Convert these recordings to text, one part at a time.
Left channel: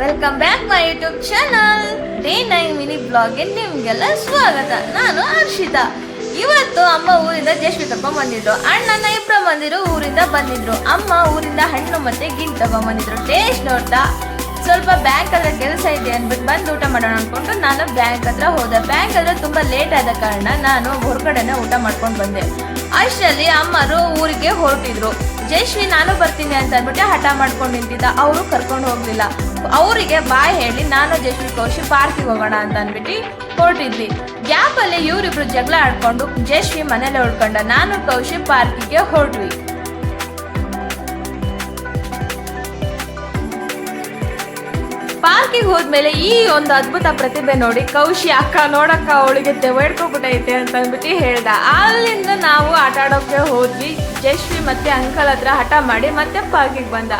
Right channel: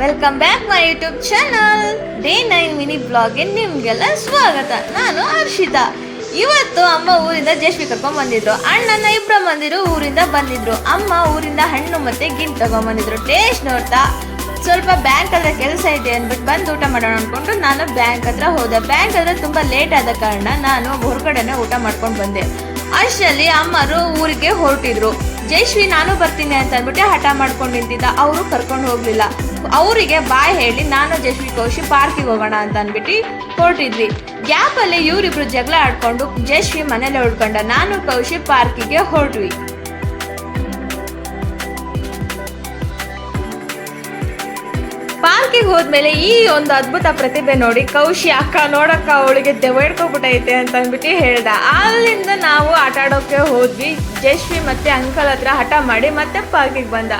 Welcome back my YouTube channel day 9 mini ಬ್ಲಾಗ್ಗೆ ನಿಮ್ಗೆಲ್ಲ ಸ್ವಾಗತ. ನಾನು ಹರ್ಷಿತಾ. ಇವತ್ತು ಅಮ್ಮ ಊರಿಂದ ಜೇಶ್ವಿ ಕರ್ಕೊಂಡ್ ಬಂದಿದ್ರು. ಅಣ್ಣನ ಇಬ್ಬರು ಮಂದಿರು ಊರಿಂದ ಬಂದಿದ್ರು. ಅಮ್ಮ ಊರಿಂದ ಹಣ್ಣು ಮತ್ತೆ ಗಿಣ್ ತಗೊಂಡ್ಬಂದಿದ್ರು. ಟೇಸ್ಟ್ ನೋಡ್ತಾ ಸ್ವಲ್ಪ ಬ್ಯಾಂಕ್ ಹತ್ರ ಕೆಲಸ ಇದೆ ಅಂದ್ಬಿಟ್ಟು ಬಂದು ಊಟ ಮಾಡೋಣ ಅನ್ಕೊಂಡು ನಾನು ಬ್ಯಾಂಕ್ ಹತ್ರ ಹೋದೆ. ಬ್ಯಾಂಕ್ ಹತ್ರ ತುಂಬಾ ಲೇಟ್ ಆದ ಕಾರಣ ನಾನು ಹೊರಗಡೆನೆ ಊಟ ಮಾಡ್ಕೊಂಡು ಬಂದೆ. ಅಷ್ಟರಲ್ಲಿ ಅಮ್ಮರು ಊರಿಗೆ ಹೊರಟಿದ್ರು. ಜಯಶ್ರೀ ನಾನು ಬರ್ತೀನಿ ಅಂತ ಅಂದ್ಬಿಟ್ಟು ಹಠ ಮಾಡ್ಕೊಂಡು ನಿಂತಿದ್ದ. ಅವರು ಕರ್ಕೊಂಡು ಹೋಗ್ಲಿಲ್ಲ. ಅವರಿಗೆ ಬಾಯ್ ಹೇಳಿ ನಾನು ಜಯಶ್ರೀ ಕೌಶಿ ಪಾರ್ಕಿಗೆ ಹೋಗೋಣ ಅಂತ ಅಂದ್ಬಿಟ್ಟು ಹೊರಟಿದ್ವಿ. ಗ್ಯಾಪ್ ಅಲ್ಲಿ ಇವರಿಬ್ರು ಜಗಳ ಆಡ್ಕೊಂಡು ಜಯಶ್ರೀ ಮನೇಲೆ ಉಳ್ಕೊಂಡ. ನಾನು ಕೌಶಿ ಪಾರ್ಕಿಗೆ ಹೊರಟ್ವಿ. ಪಾರ್ಕಿಗೆ ಹೋದ್ಮೇಲೆ ಈ ಒಂದು ಅದ್ಭುತ ಪ್ರತಿಭೆ ನೋಡಿ ಕೌಶಿ ಅಕ್ಕ ನೋಡಕ್ಕ ಅವಳಿಗೆ ದೆವ್ವಡ್ಕೊಬಿಟ್ಟೈತೆ ಅಂತ ಅಂದ್ಬಿಟ್ಟು ಹೇಳ್ದ. ಅಲ್ಲಿಂದ ನಾವು ಆಟ ಆಡೋಕೆ ಹೋದ್ವಿ. ಜಯಶ್ರೀ ಮತ್ತೆ ಅಂಕಲ್ ಹತ್ರ ಹಠ ಮಾಡಿ ಮತ್ತೆ ಪಾರ್ಕಿಗೆ ಬಂದ.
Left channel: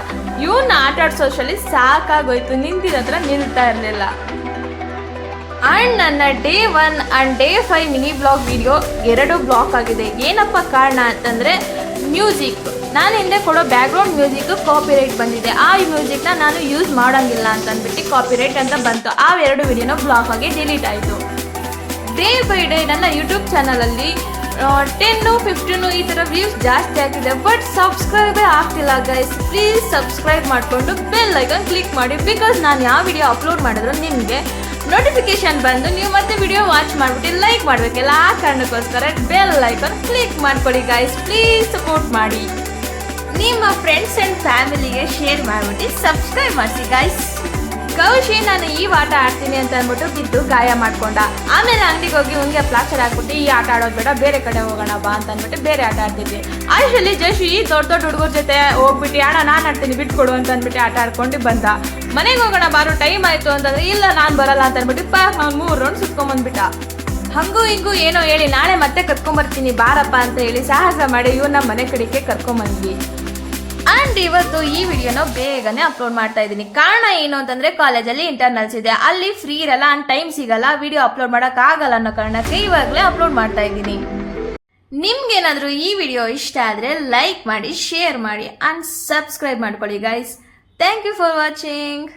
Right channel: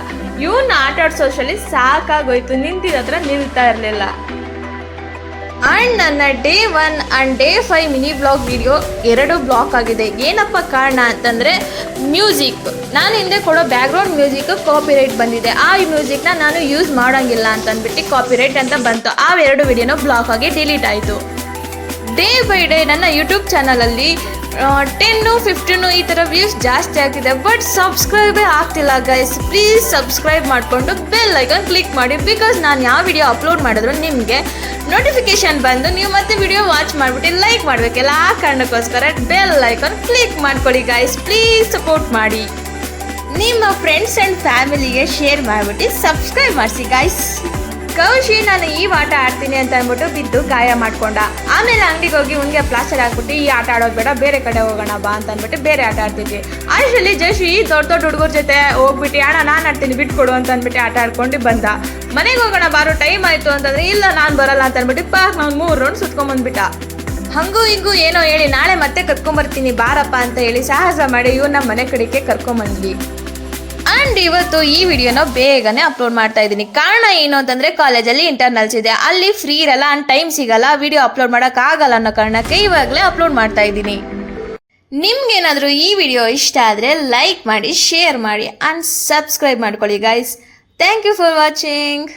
ಇವನ್ನ ಆಟ ಆಡ್ಸೋಷ್ಟರಲ್ಲಿ ಸಾಕಾಗೋಯ್ತು. ನಿಂತಿದ ಹತ್ರ ನಿಲ್ತಾ ಇರಲಿಲ್ಲ. ಅಂಡ್ ನನ್ನ day 1 and day 5 mini blog video 2 block ಆಗಿದೆ. ಏನಪ್ಪ ಕಾರಣ ಅಂತಂದ್ರೆ ಮ್ಯೂಸಿಕ್, ನಾನು ಹಿಂದೆ ಕೊಡೋ ಬ್ಯಾಕ್ಗ್ರೌಂಡ್ ಮ್ಯೂಸಿಕ್ ಕಾಪಿರೈಟ್ ಬಂದಿದೆ. ಆ ಮ್ಯೂಸಿಕ್ನ ನಾನು ಯೂಸ್ ಮಾಡೋಂಗಿಲ್ಲ ಅಂತ ಅಂದ್ಬಿಟ್ಟು ಕಾಪಿರೈಟ್ ಅಂತ ಬಂತು. ಆ 2 ವಿಡಿಯೋನ ಬ್ಲಾಕ್ ಆಗಿ ಡಿಲೀಟ್ ಆಯಿತು. ಡೇ ಬೈ ಡೇ ನನ್ನ ಯೂಟ್ಯೂಬ್ ಚಾನಲಲ್ಲಿ 10-15 ಈ ಥರ ವ್ಯೂಸ್ ಜಾಸ್ತಿ ಆಗ್ತಿದೆ. ಬಟ್ ಸಬ್ಸ್ಕ್ರೈಬೇ ಆಗ್ತಿಲ್ಲ ಗೈಸ್. ಪ್ಲೀಸ್ ಸಬ್ಸ್ಕ್ರೈಬ್ ಮಾಡಿಕೊಂಡು ಬೆಲ್ ಐಕಾನ್ ಕ್ಲಿಕ್ ಮಾಡಿ. ಬಿಕಾಸ್ ನಾನು ಯಾವ ವಿಡಿಯೋ ಅಪ್ಲೋಡ್ ಮಾಡಿದ್ರು ನಿಮಗೆ ನೋಟಿಫಿಕೇಶನ್ ಬಂದು ನೀವು ಮತ್ತೆ ವಿಡಿಯೋ ವಾಚ್ ಮಾಡಿಬಿಟ್ಟು ಲೈಕ್ ಮಾಡಬೇಕಲ್ಲ. ಆ ಕಾರಣಕ್ಕೋಸ್ಕರ ಬೆಲ್ ಐಕಾನ್ ಕ್ಲಿಕ್ ಮಾಡ್ಕೊಳ್ಳಿ ಗೈಸ್. ಪ್ಲೀಸ್ ಸಪೋರ್ಟ್ ಮಾಡಿ. ನಿಮ್ಮ ಫ್ರೆಂಡ್ಸ್ ಆ್ಯಂಡ್ ಫ್ಯಾಮಿಲಿಗೆ ಶೇರ್ ಮಾಡಿಬಿಟ್ಟು ಸಬ್ಸ್ಕ್ರೈಬ್ ಮಾಡಿಸಿ ಗೈಸ್. ಕೌಶಿ ನಾನು ಈ ಆಟ ಆಡ್ತೀನಿ ಅಂತ ಅಂದ್ಬಿಟ್ಟು ಬಿದ್ದು ಗಾಯ ಮಾಡ್ಕೊಂಡ. ಆಮೇಲೆ ಅಂಗಡಿಗೆ ಹೋಗಿ ಉಂಗೆ ಪ್ಲಾಸ್ಟರ್ ಹಾಕ್ಬಿಟ್ಟು ಈ ಆಟ ಆಡೋದು ಬೇಡ, ಬೇರೆ ಕಡೆ ಹೋಗೋಣ ಬಾ ಅಂತ ಅಂದ್ಬಿಟ್ಟು ಬೇರೆ ಆಟ ಆಡ್ತಿದ್ವಿ. ಅಷ್ಟರಲ್ಲಿ ಜಯಶ್ರೀ ದೊಡ್ಡ ಹುಡುಗರ ಜೊತೆ ಹೋಗ್ಬಿಟ್ಟು ಅಣ್ಣ ನಾನು ಆಡ್ತೀನಿ ಬಿಟ್ಕೊಡು ಅಂತ ಅಂದ್ಬಿಟ್ಟು ಆಟ ಆಡ್ಕೊಂಡು ಬಂದ. ಮನೆಗೆ ಹೋಗೋಣ ಬಾರೋ ಟೈಮ್ ಆಯಿತು ಅಂತಂದ್ರೆ ಇಲ್ಲ ನಾನು ಬರಲ್ಲ ಅಂತ ಅಂದ್ಬಿಟ್ಟು ಪಾರ್ಕ್ ನಾನು 3 ರೌಂಡ್ ಸುತ್ಕೊಂಡ್ಬಂದ್ಬಿಟ್ಟ. ಹಂಗೂ ಹಿಂಗೂ ಏನೋ ಹೇಳಿ ನಾಳೆ ಮತ್ತೆ ಕರ್ಕೊಂಬರ್ತೀನಿ ಬಾರಪ್ಪ ಅಂತ ಹೇಳಿ ಸಾಹಸ ಮಾಡಿ ಇವ್ರನ್ನ ಮನೆ ಕಡೆಗೆ ಕರ್ಕೊಂಬಂದ್ವಿ. ಅಂಡ್ ಇವತ್ತು ಈ ವಿಡಿಯೋನ ಬೇಗನೆ ಅಪ್ಲೋಡ್ ಮಾಡ್ತಾ ಇದ್ದೀನಿ. ಕಾರಣ ಏನು ಅಂತಂದ್ರೆ ಕಾಲೇಜಲ್ಲಿ ಇಂಟರ್ನಲ್ಸ್ ಇದೆ, ಅಲ್ಲಿ ಫ್ರೀ ಇರಲ್ಲ ಅಂಡ್ ಟೈಮ್ ಸಿಗಲ್ಲ, ವಿಡಿಯೋ ಅಪ್ಲೋಡ್ ಮಾಡೋಕ್ಕಾಗಲ್ಲ ಅನ್ನೋ ಕಾರಣಕ್ಕೆ ಇವಾಗಲೇ ಅಪ್ಲೋಡ್ ಮಾಡ್ತಾ ಇದ್ದೀನಿ. ನಿಮ್ಗೇನಾದರೂ ಈ ವಿಡಿಯೋ ಇಷ್ಟ ಆದರೆ ಲೈಕ್ ಮಾಡಿ, ಶೇರ್ ಮಾಡಿ ಅಂಡ್ ಸಬ್ಸ್ಕ್ರೈಬ್ ಮಾಡ್ಕೊಳ್ಳಿ guys. Thank you for watching.